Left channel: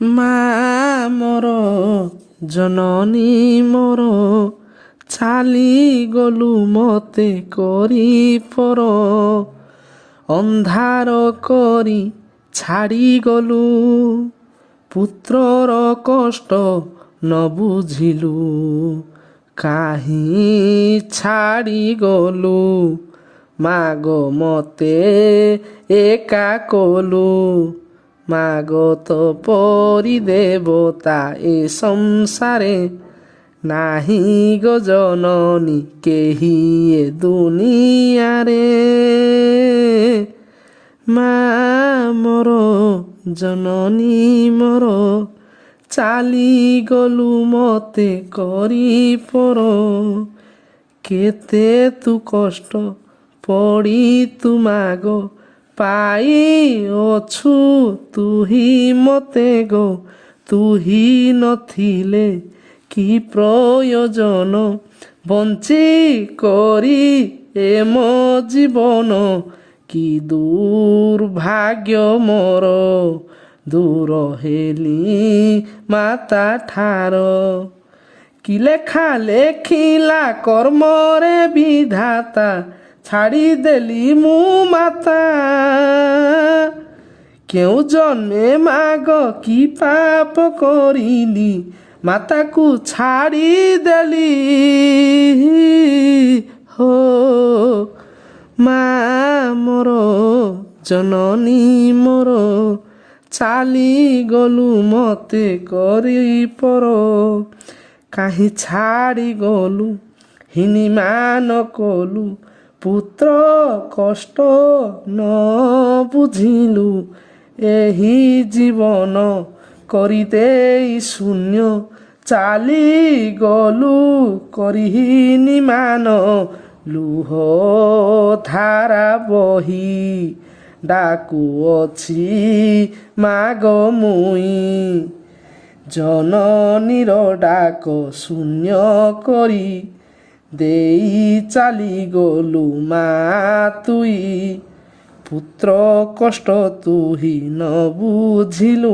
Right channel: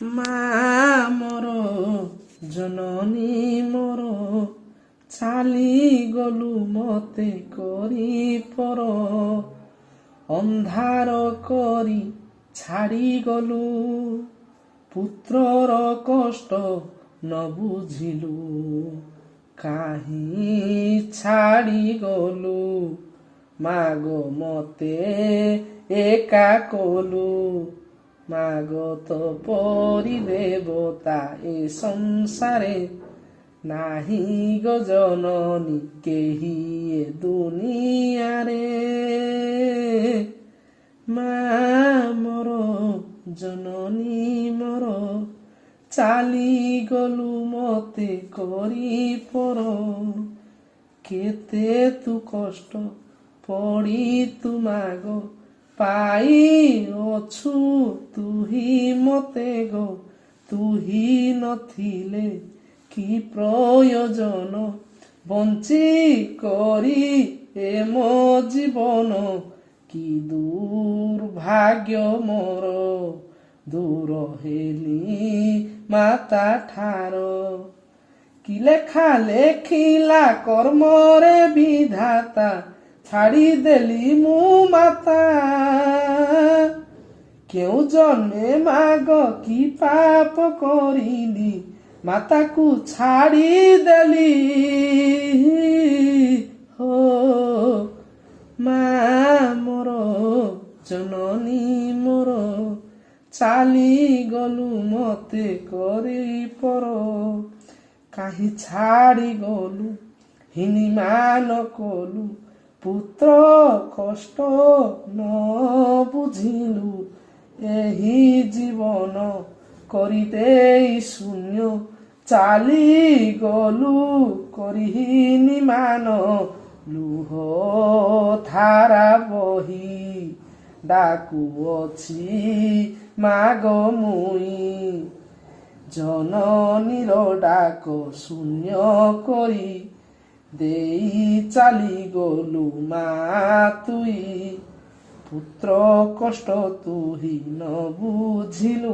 ମା ମୋର ଜନନୀ ମୋର ଚାଲିଗଲୁ ମତେ କରି ପର ଅନ୍ଧାର କରି ଛାଡ଼ିଗଲୁ ପୁତ୍ରର କଷ୍ଟ ନ ବୁଝିଲୁ କାହିଁ ଛାଡ଼ିଗଲୁ ମାଗ ମତେ ଏକା କଲୁ ମାଗ ତ ପରି ଦେବତା ଏ ସଂସାରେ ନାହିଁ ଗୋ ଜନନୀ କେହି ଏ ଦୁନିଆରେ ମା ମୋର ଜନନୀ ମୋର ଚାଲିଗଲୁ ମତେ କରି ପର କେତେ ତୁ କଷ୍ଟ ପଡ଼ି ତୁ ମାଗ ପାଇଅଛୁ ତୁ ହି ମତେ ଗୋ ତୁ ହି ନଥିଲେ କି ପ୍ରୟୋଜନ ବଞ୍ଚି କରି ଏ ମୋ ଜୀବନ କି ଦୁର୍ଭାଗ୍ୟ ମୋର ଦୂର ହେଲି ମାତା ଠାର କି ଲେଖା ଲେଖିଲା କର୍ମରେ ବିଧାତା ଛାଡ଼ିଦେଲି ମୁଁ ମାତା କେଉଁ ଜନ୍ମେ ମାଗ କି ପାପ କରିଲି ମାତାକୁ ଛାଡ଼ିଦେଲି ହୋ ମା ମୋର ଜନନୀ ମୋର ଚାଲିଗଲୁ ମତେ କରି ପର କାହିଁ ଛାଡ଼ିଗଲୁ ହିନିମାନ କଲୁ ପୁତ୍ର କଷ୍ଟ ନ ବୁଝିଲୁ ଏହି ଜୀବନ କରିଦେଇ ଶୂନ୍ୟ ଚାଲିଗଲୁ କରିହିନିମାନ ଲୁହ ଧାରା ବହି ଡାକୁଅଛି ମାଗ ମୁଇଁ ଜନନୀର ଡାକ ଶୂନ୍ୟ କରି ଦେଇ ଚାଲିଗଲୁ ମା ତୁଇ ପୁତ୍ର କଷ୍ଟ ତୁ ହି ନ ବୁଝିଲୁ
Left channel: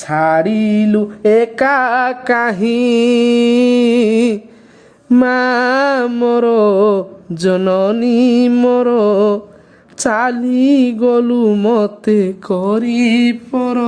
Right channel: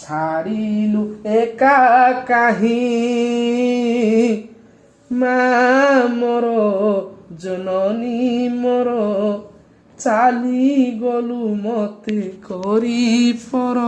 ଛାଡ଼ିଲୁ ଏକା କାହିଁ ମା ମୋର ଜନନୀ ମୋର ଚାଲିଗଲୁ ମତେ କରି ପର